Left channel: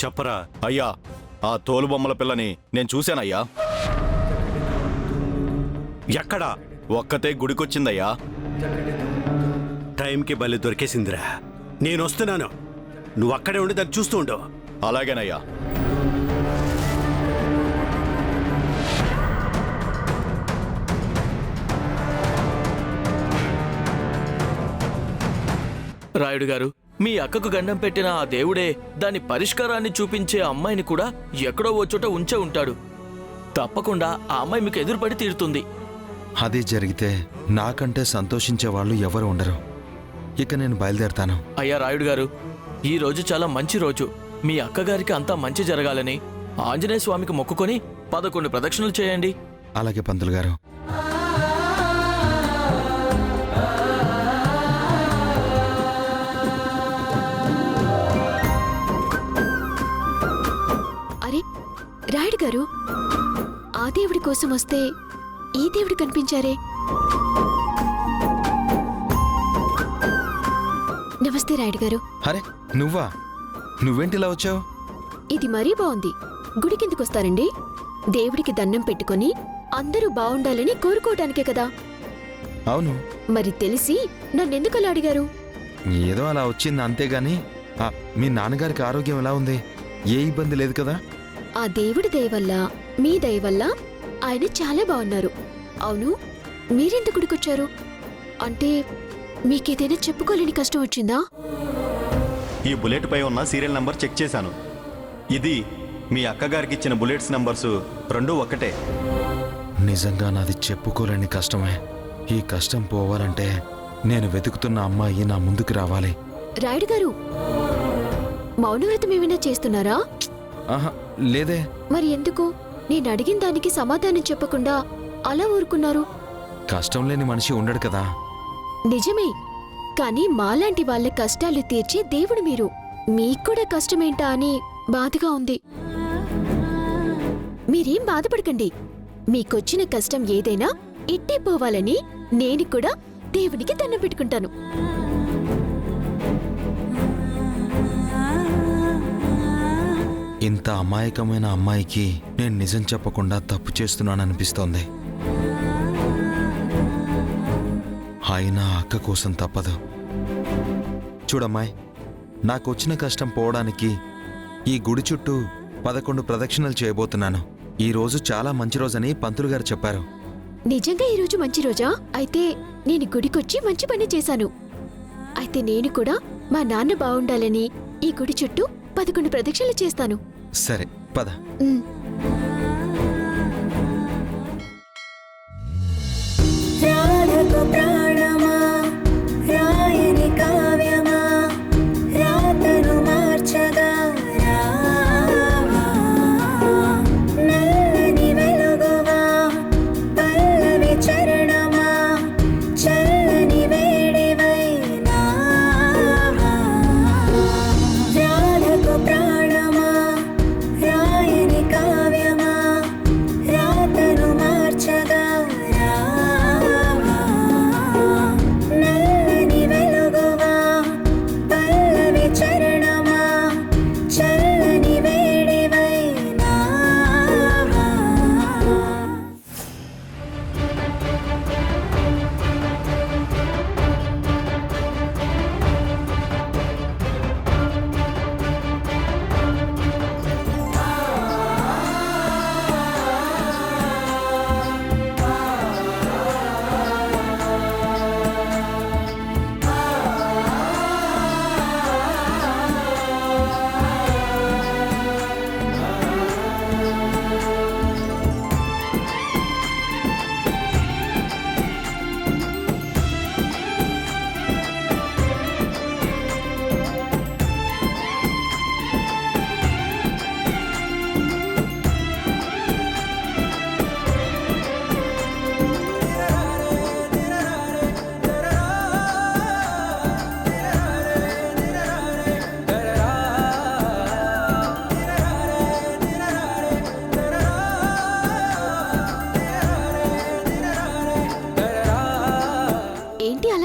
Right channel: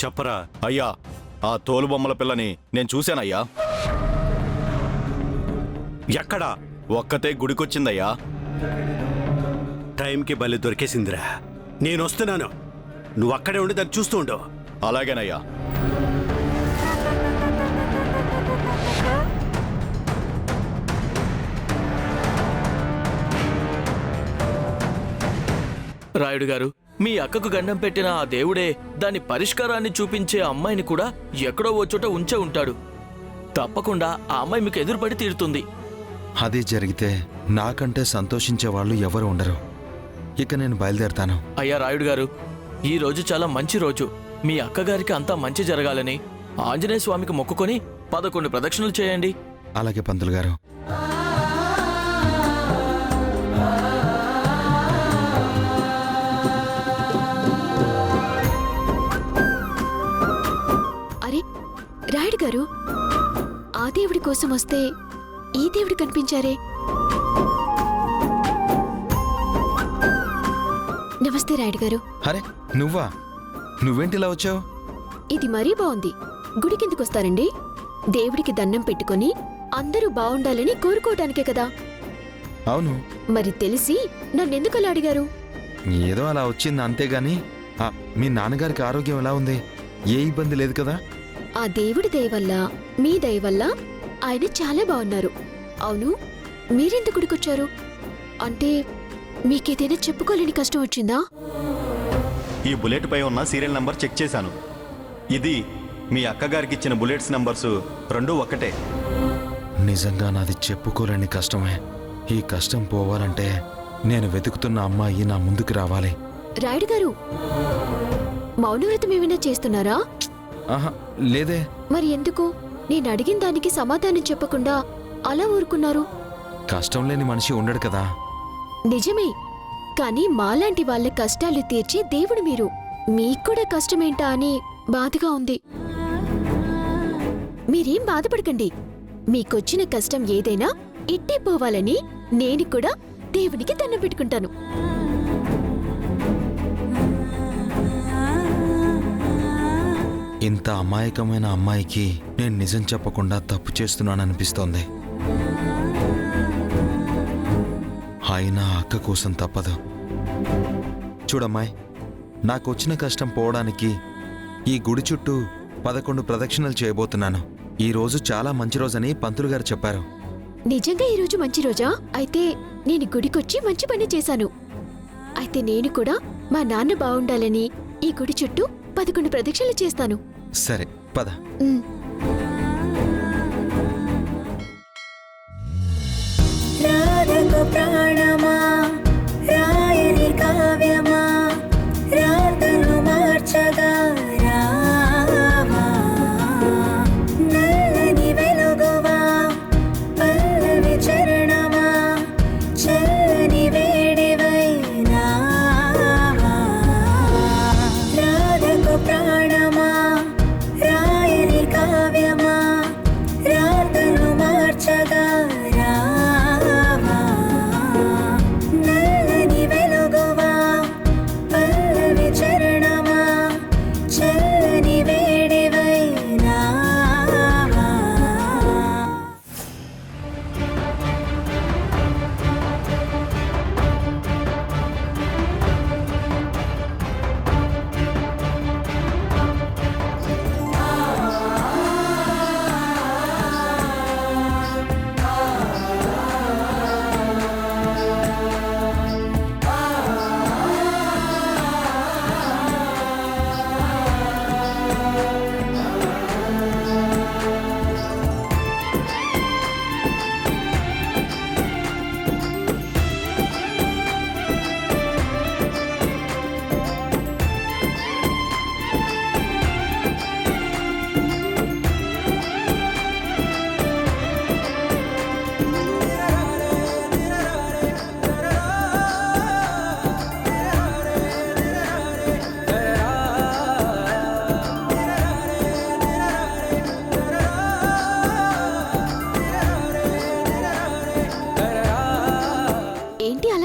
చెప్పరా. అయ్యా, ఆ తోలుబొమ్మల పిల్లని నేను చూశానయ్యా. ఎక్కడా? ఒక్కతే గుడికొచ్చిందయ్యా. టైంకి బలి దొరికేసిందిరా. నేనొస్తున్నాను, నువ్వు అక్కడే ఉండి దాన్ని చూస్తూ ఉండు. అలాగేనయ్యా. రాయుడు గారు, మీ అక్కకు గండం పెట్టిన ఆ దేవుడే దాని పరిష్కారాన్ని చూపించే అమ్మాయిని కూడా ఎక్కడో ఓ చోట ఉంచే ఉంటాడు. తప్పకుండా ఆ అమ్మాయి మీకు ఎదురుపడి తీరుతుంది. అది జరిగితే నాకంటే సంతోషించే వాళ్ళు ఎవరు ఉండరు. ఇక నేను బయలుదేరతాను. అయ్యా రాయుడు గారు, ఈ రోజు చాలా మంచి రోజు. మీ అక్కగారికి అంతా మంచి జరగాలని ఆంజనేయ స్వామికి మొక్కుకొని 11 ప్రదక్షిణలు చేయండి. అలాగే పంతులు గారు. అరే రాయుడు గారు, ఆ దేవుడి కోసం వస్తే ఈ దేవుడు కనిపించారే. నమస్తే రాయుడు గారు. అరే నువ్వా? నువ్వేంటిలా వచ్చావు? ఇది మరీ బాగుంది. గుడికిందుకొస్తారండి? దేవుడికి దండం పెట్టుకొని అందరూ బావుండాలని కోరుకోవటానికే కదా. అవును. మరి తెలిసి నన్నెందుకలా అడిగారు? ఏదో అలా వచ్చింది అంతేగాని మీ నాన్నగారికి ఆరోగ్యం ఎలా ఉంది? ఏ ఇబ్బంది లేదు కదా? ఆ దేవుడి దయ వల్ల, మీ దయ వల్ల ఆయన చాలా బాగున్నారు. అవును, మీరెందుకు గుడికొచ్చారు? అంటే మీకేదైనా చెప్పుకోలేని కష్టం వచ్చిందా? ఈ బుల్లెట్ పై ఉన్న సీరియల్ నంబర్ చెక్ చేశాను. ఇది మీ అక్కగారికి ఇచ్చిన బుల్లెట్స్ నంబర్స్ 2 ఒక్కటే. నిజంగా నాది చెప్పుకోలేని కష్టమే. ఈ కష్టం పోవాలంటే నేను వెతుకుతున్న అమ్మాయి నా ముందుకు రావాలి. రాయుడు గారు, మౌనవ్రతం ఏమైనా చేస్తున్నారా? ఆహా లేదే. మరి ఎందుకు నేను అడిగిన దానికి సమాధానం చెప్పకుండా అలా ఊరుకున్నారు? కష్టం లేని మనిషి ఉండడు కదా. నిజమే, కానీ మాలాంటి వాళ్ళ కష్టాలు తీర్చే దేవుడు మీరు. మీక్కూడా కష్టమేంటా అని బాధగా ఉంది. మీరేం బాధపడకండి. మీకొచ్చిన కష్టం ఏదైనా ఇట్టే పోవాలని నేను కూడా దేవునికి దండం పెట్టుకుంటాను. ఇంత అమాయకమైన అమ్మాయికి నేను నిజం చెప్పకుండా తప్పు చేస్తున్నాననిపిస్తోంది. అయినా అక్క కోసం తప్పదు. చూడమ్మాయి, నాకొచ్చిన కష్టం పోవడానికి ఈ గుడి చుట్టూ 11 ప్రదక్షిణలు చేయబోతున్నాను. ఈ రోజు చాలా మంచి రోజని పంతులు గారు చెప్పారు. నిజంగా ఈరోజు మంచి రోజా? అయితే నేను గుడికొచ్చి మంచి పని చేశాను. అయితే నేను కూడా మా నాన్న బావుండాలని ఈ గుడి చుట్టూ 11 ప్రదక్షిణలు చేస్తాను. సరే పద. ఉమ్.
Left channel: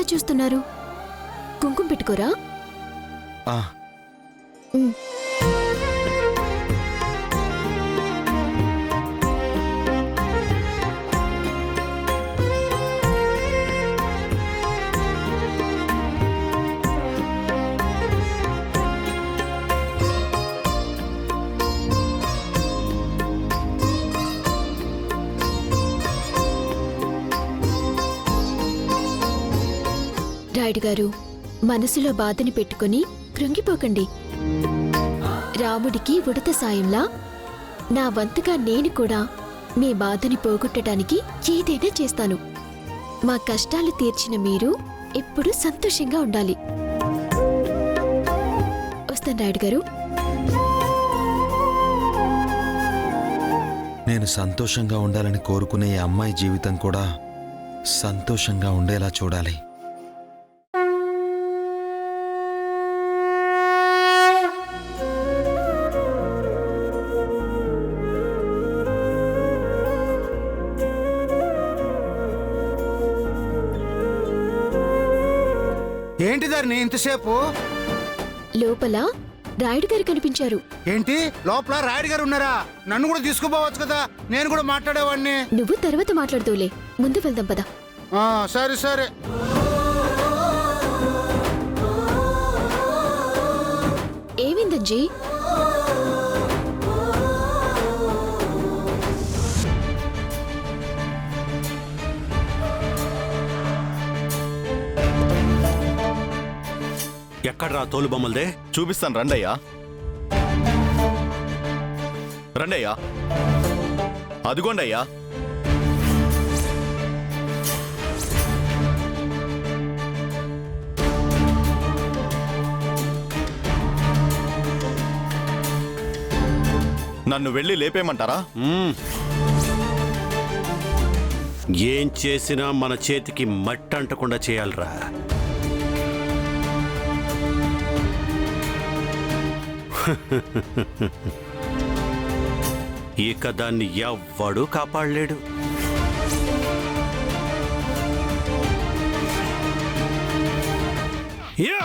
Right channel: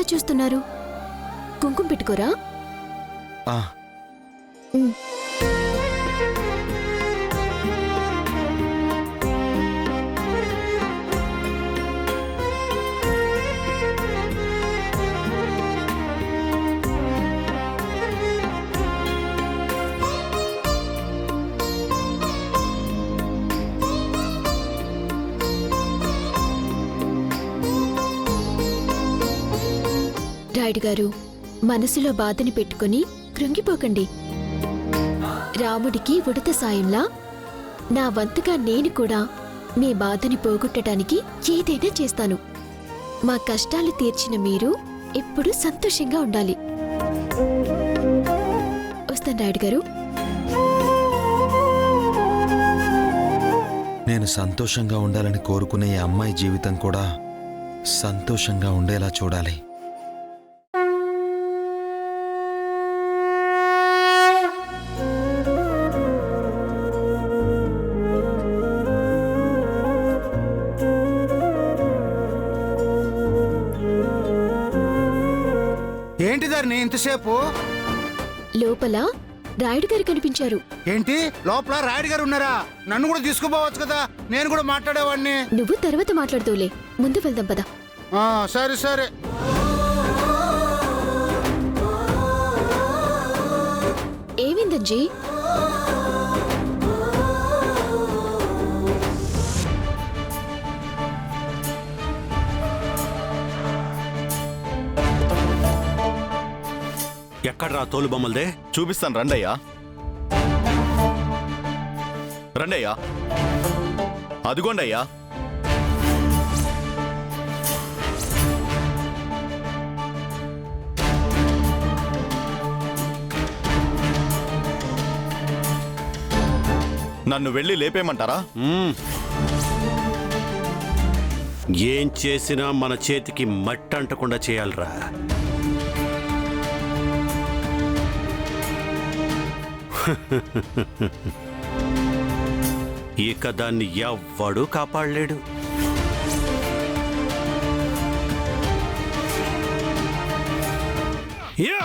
చూస్తున్నారు? కుంకుమ పెట్టుకోరా? ఆ ఉమ్. రాయుడు గారు, మనసులో బాధని పెట్టుకుని కృంగిపోకండి. రాముడికి ఉడత సాయంలా నా వంతుగా నేను కూడా మీ బాధని పోగొట్టడానికి ఏదైనా చేస్తాను. మా కష్టాలు తీర్చిన మీరు ఎప్పుడూ సంతోషంగా ఉండాలి. వస్తాను రాయుడు గారు. నేను సంతోషంగా ఉండాలని కోరుకునే ఈ అమ్మాయి జీవితం కూడా సంతోషంగా ఉండేలా చూడాలి. ఏంటి ధరణి ఇంతసేపు? లోపల రాయుడు గారు కనిపించారు. ఏంటి లోపల రాయుడు గారు ఉన్నారా? నన్ను కూడా తీసుకుపోవచ్చు కదా, నేను కూడా మాట్లాడేవాడిని. నువ్వు తర్వాత మాట్లాడుతూలే, ముందు వెళ్దాం పద. సరే సరే. ఏమైందంజీ? ఎక్కడ్రా తోలు బొమ్మలదే? చూపిస్తాను రండయ్యా. రండయ్యా, అదిగోండయ్యా. నన్ను వెళ్ళి లేపేయమంటారా? ఏం చేసినా మన చేతికి మట్టి అంటకుండా చేయాలరా. ఇక దాన్ని ఎవ్వడూ కాపాడలేడు. యా